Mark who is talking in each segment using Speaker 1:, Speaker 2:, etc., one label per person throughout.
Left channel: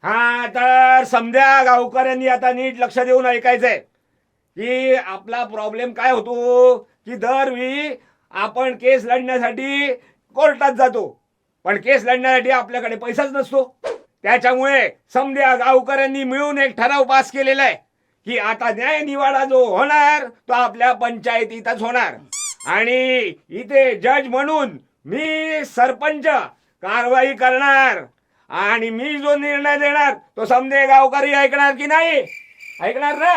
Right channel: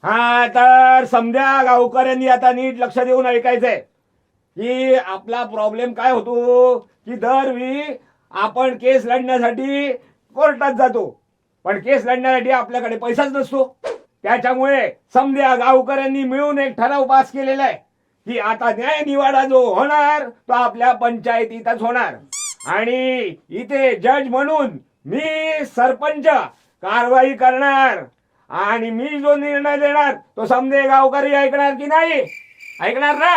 Speaker 1: हा तर समध्या गावकऱ्यांनी आता नीट लक्ष देऊन ऐकायचंय की आपला प्रॉब्लेम काय होतो की दरवेळी आपण केस लढण्यासाठी कोर्टात जातो पण केस लढण्यासाठी आपल्याकडे पैसाच नसतो. त्याच्यामुळे समध्या गावकऱ्यांनी मिळून एक ठराव पास केलेला आहे की आता न्याय निवाडा जो होणार तो आपल्या पंचायतीतच होणार आणि इथे जज म्हणून मी सरपंच कारवाई करणार आणि मी जो निर्णय देणार तो समधे गावकरी ऐकणार की नाही? ऐकणार ना?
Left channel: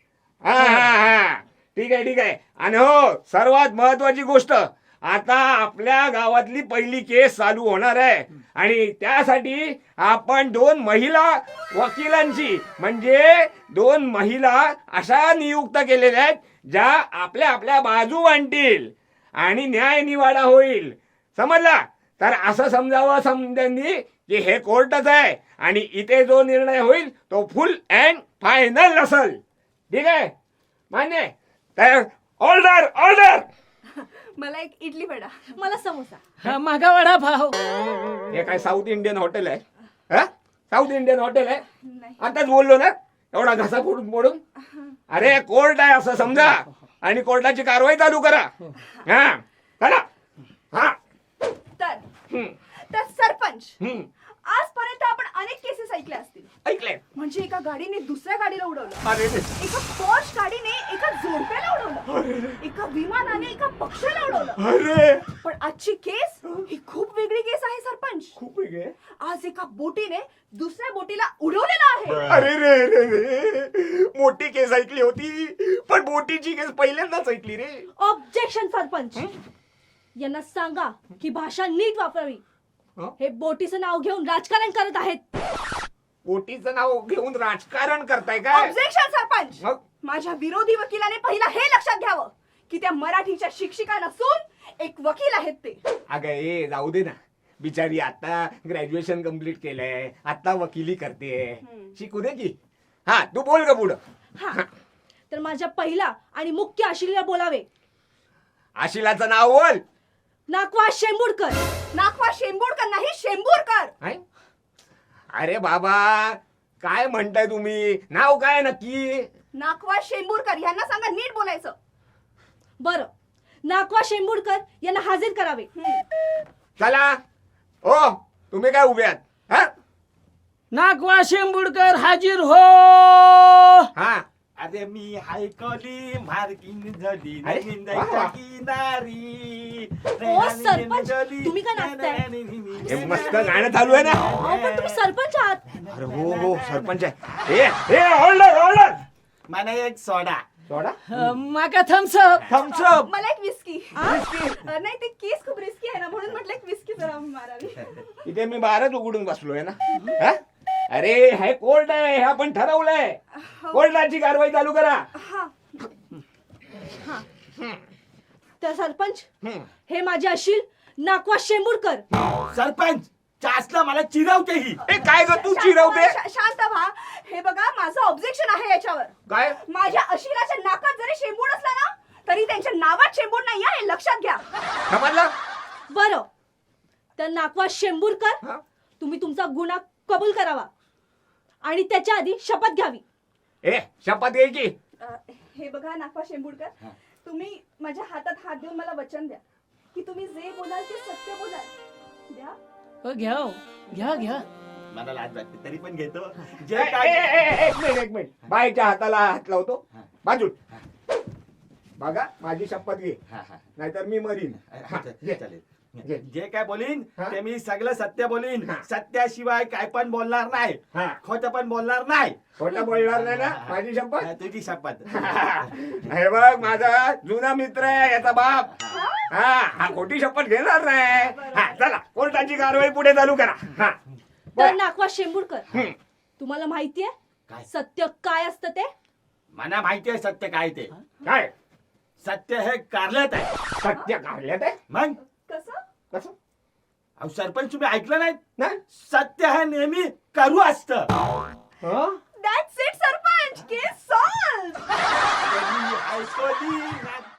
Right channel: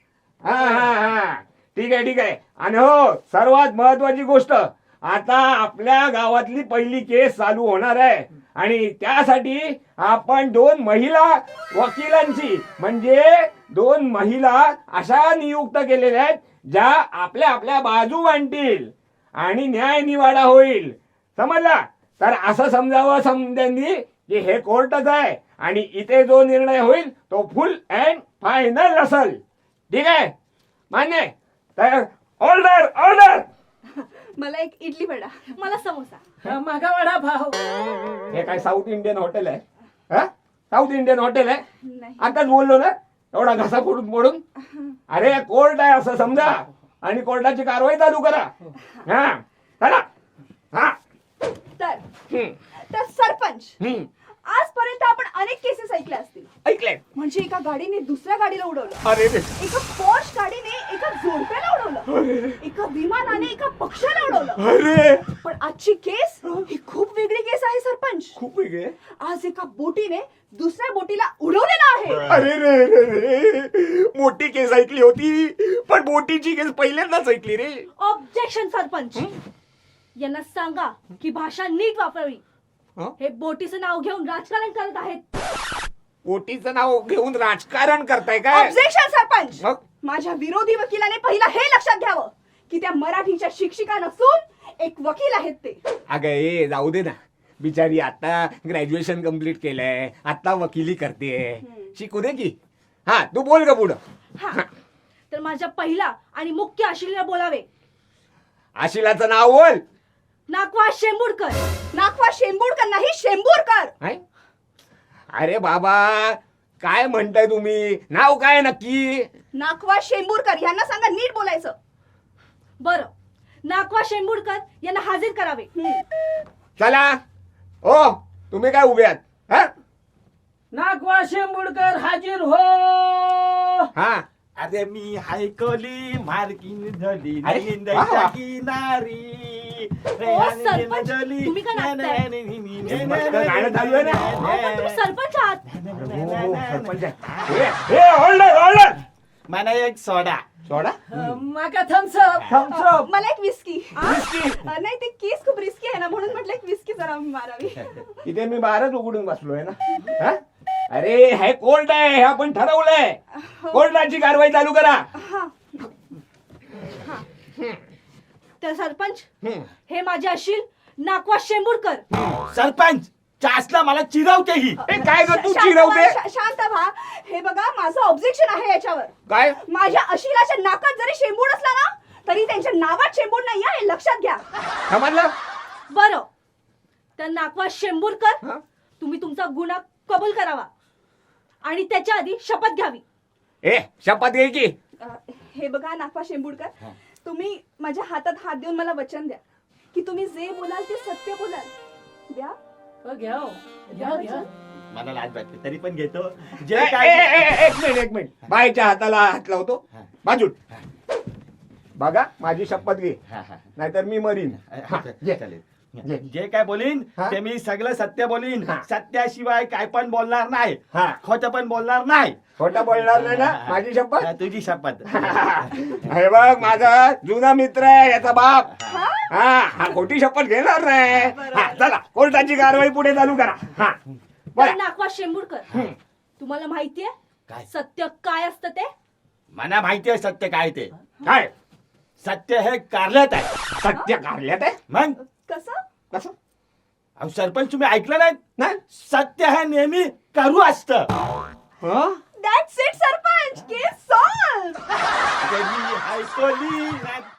Speaker 1: हा हा हा ठीक आहे. आणि हो सर्वात महत्वाची गोष्ट आता आपल्या गावातली पहिली केस चालू होणार आहे आणि त्यासाठी आपण 2 महिला वकिलांची म्हणजे 2 महिला अशा नियुक्त केलेल्या आहेत ज्या आपल्या आपल्या बाजू मांडतील आणि न्याय निवाडा होईल. समजला? तर असं समजावं समध्यांनी की हे कोर्टच आहे आणि इथे जो निर्णय होईल तो फुल अँड फायनल असेल. ठीक आहे? मान्य आहे? तर ऑर्डर ऑर्डर.
Speaker 2: मला एक इडली वडा. मला समोसा.
Speaker 3: मागा वडा भाव.
Speaker 1: हे काय साऊथ इंडियन हॉटेल आहे? हा साऊथ इंडियन हॉटेल आहे?
Speaker 2: नाही.
Speaker 1: आताच बोललो ना एवढा घसा फोडून मोडून. अरे कोर्ट आहे असं समजा आणि कोर्टाची कारवाई चालू करा. हा चला. हा
Speaker 2: तर
Speaker 1: हम्म,
Speaker 2: तर सरपंच,
Speaker 1: हम्म.
Speaker 2: आजपर्यंत आपण अनेक केसेस ऐकल्या असतील.
Speaker 1: ऐकलंय?
Speaker 2: म्हणजे एका गाडीने दुसऱ्या गाडीला उडवलं,
Speaker 1: अरे
Speaker 2: एका पॉश गाडीने एका जोडप्याला उडवलं, एका विमानाने एका पक्षाला उडवलं.
Speaker 1: अरे
Speaker 2: पण आजची केस ही खूप वेगळी केस आहे सरपंच.
Speaker 1: खूप वेगळे.
Speaker 2: आज एका बोटीने दुसऱ्या बोटीला उडवलेलं आहे.
Speaker 1: अरे रे रे रे मोठी केस ऐकली होती पण बोटीची केस पहिल्यांदाच ऐकली रे.
Speaker 4: ऑब्जेक्शन सरपंच. यांना सांगा की भाषा नीट वापरावी.
Speaker 1: हं?
Speaker 4: हे बोटीचं नाव घेऊन राजकारण करत आहेत.
Speaker 1: बोटीचं नाव घेऊन राजकारण करताय काय?
Speaker 2: ऑब्जेक्शन सरपंच.
Speaker 1: मग?
Speaker 2: माझ्या विरोधी वकिलाने पहिला हे लक्षात घ्यावं की त्या मराठीच्या शिक्षिका नसून एक वकील आहेत ते.
Speaker 1: अगं ए जाऊ दे ना बिचारी आता ग्रॅज्युएशन कम्प्लीट केलंय आता वकिली करते शिकू दे की. हा तू बोल का पुढं.
Speaker 4: हा तर माझ्या पहिला आणि मुख्य आशिलेला बोलावे.
Speaker 1: आशिलाचं नाव बोल.
Speaker 4: नाकवा शेंबुडकर.
Speaker 2: नाकवा शेंबूडकर नाही शेंबूरकर.
Speaker 1: काय? अरे बाबा काय म्हणताय तुम्ही? नाव काय नक्की?
Speaker 2: नाकवा शेंबूरकर यांना सांगा नीट बोलायचं.
Speaker 4: बरं, नाकवा शेंबुडकर यांना हाजीर करावे.
Speaker 1: चला हो तुम्ही काय उभे आहात? हा
Speaker 3: नागवा शेंबुडकर हाजीर हो.
Speaker 1: हा
Speaker 5: अरे मी हायकोली मार्किन झाली
Speaker 1: अरे,
Speaker 5: निंदायच्या
Speaker 1: वा.
Speaker 5: किनारी
Speaker 4: ओ, सरपंच, तुम्ही का नाचताय?
Speaker 1: हे मस्त गाणं चालू आहे ना.
Speaker 4: पण तुम्ही सरपंच आहात.
Speaker 1: हो हो सरपंच आहे. हे ऑर्डर ऑर्डर.
Speaker 5: मला एक सोडा.
Speaker 1: सोडा
Speaker 3: माका थम्सअप.
Speaker 1: थम्सअप.
Speaker 2: मला एक विस्की.
Speaker 1: विस्की.
Speaker 2: नाही ते केस खूप रिस्की आहे ना म्हणून म्हटलं एक विस्की जरा मारावी.
Speaker 1: इथे मी बारच उघडून बसलोय ना. हा? अरे हे कोर्ट आहे हे आपण ठरवलंय. कोर्टाची कारवाई चालू करा.
Speaker 2: हा.
Speaker 4: तर सरपंच
Speaker 1: हम्म.
Speaker 4: हे माझे अशील नाकवा शेंबुडकर.
Speaker 5: सरपंच चासला मला चिरवते ही.
Speaker 1: ए काय ग तू चिरवते?
Speaker 2: शांत व्हा. हे बघा माझं ऑब्जेक्शन आहे याच्यावर.
Speaker 1: काय?
Speaker 2: माझ्या अशिलाच्या नाकात जरी शेंबूड असला ना तरी त्यांच्या नावात शेंबूड नाही आहे हे लक्षात घ्या.
Speaker 1: समजलं?
Speaker 4: बरं, तर नाकवा शेंबुडकर
Speaker 1: हा?
Speaker 4: तुम्ही तुमचा गुन्हा कबूल करावा आणि त्याच्या आधी शपथ घ्यावी.
Speaker 1: ए शपथ घे की.
Speaker 2: हे बघा नाकवा शेंबूडकर, तुम्ही माझ्या हातात हात देऊन मला वचन द्या की तुम्ही जे बोलाल ते सत्य बोलाल. द्या.
Speaker 3: घ्या हो. घ्या घ्या.
Speaker 5: मला लाज वाटते तरी पण घेतो.
Speaker 1: ए,
Speaker 5: जे
Speaker 1: ए,
Speaker 5: काय
Speaker 1: ए, एक मिनिट बाईच्या हाताला हात लावतो. बाजूट बघा माझी शपथ घे
Speaker 5: हा, हा.
Speaker 1: नाहीतर मी मरीन. हा, घे.
Speaker 5: चालेल.
Speaker 1: घे.
Speaker 5: जे काय बोलीन
Speaker 1: हा?
Speaker 5: ते मी सगळं सत्य बोलीन.
Speaker 1: हा.
Speaker 5: सत्याशिवाय काय पण बोलणार नाही.
Speaker 1: हा
Speaker 5: खोटं पण बोलणार नाही.
Speaker 1: खोटं बोलणार नाही ना माझी शपथ.
Speaker 5: हा, तुझी शपथ.
Speaker 1: हे बघ माझा जुना मित्र आहे याचा बाप. हा हा खोटी शपथ घेणार नाही. हा चला कोर्टाची कारवाई पुढे चालू करा. हा
Speaker 4: तर
Speaker 1: बरं.
Speaker 4: नाकवा शेंबुडकर,
Speaker 1: हम्म.
Speaker 4: तुम्हाला माहितीये
Speaker 5: काय?
Speaker 4: सत्य काय असतं ते?
Speaker 5: मला माहिती आहे सत्य काय ते.
Speaker 1: काय
Speaker 5: सत्य हे कारल्यात आहे.
Speaker 1: सत्य कारल्यात आहे?
Speaker 2: कसं?
Speaker 5: मग
Speaker 1: कसं
Speaker 5: अहो सरपंच तुम्ही ऐकलं नाही?
Speaker 1: नाही
Speaker 5: सत्य हे नेहमी करू असतं.
Speaker 1: हं?
Speaker 2: That's it sarpanch. Case solve.
Speaker 5: अरे मी ऐकली नाही.